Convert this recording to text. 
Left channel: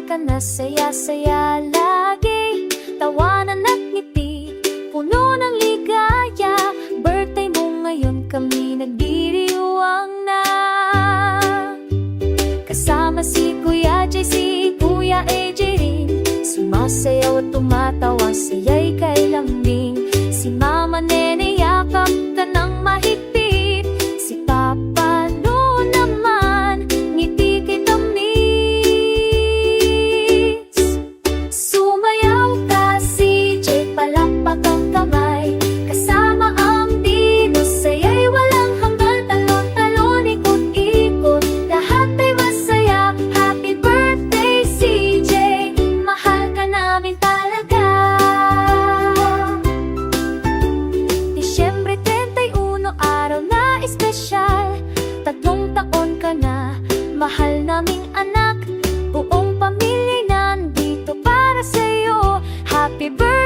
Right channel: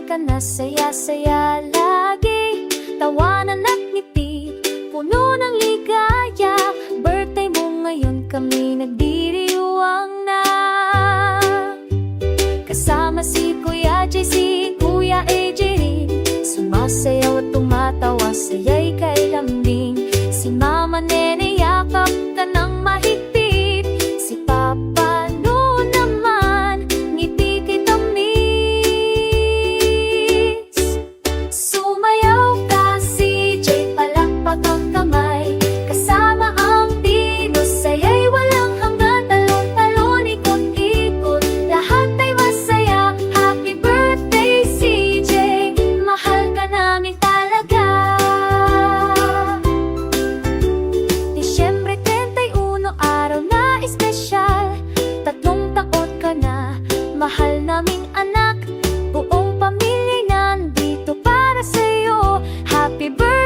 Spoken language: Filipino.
Kailan ka na saya-saya lagi, tawanan at ngiti, puno ng ligaya. Birthday mo ngayon, kami nagdiriwang na. Kasama si Kuya JC, Kuya AJ rin, sumasayaw at tumatawa, saya'y kay lambing. Si Mama Nene, yakap ka ng mahigpit. Si Papa noon naman, ngiti kita miss. Sumayaw ka CJ, palakpak ang kamay, kasama ang Dino, saya'y walang hanggan. Talon-talon, ikot-ikot, lahat ay masaya. Happy birthday CJ, mahal ka namin talaga. Disyembre 31, araw na espesyal, 3 taon ka na, mahal naming anak. Buong pamilya nandito para sa'yo. Happy birthday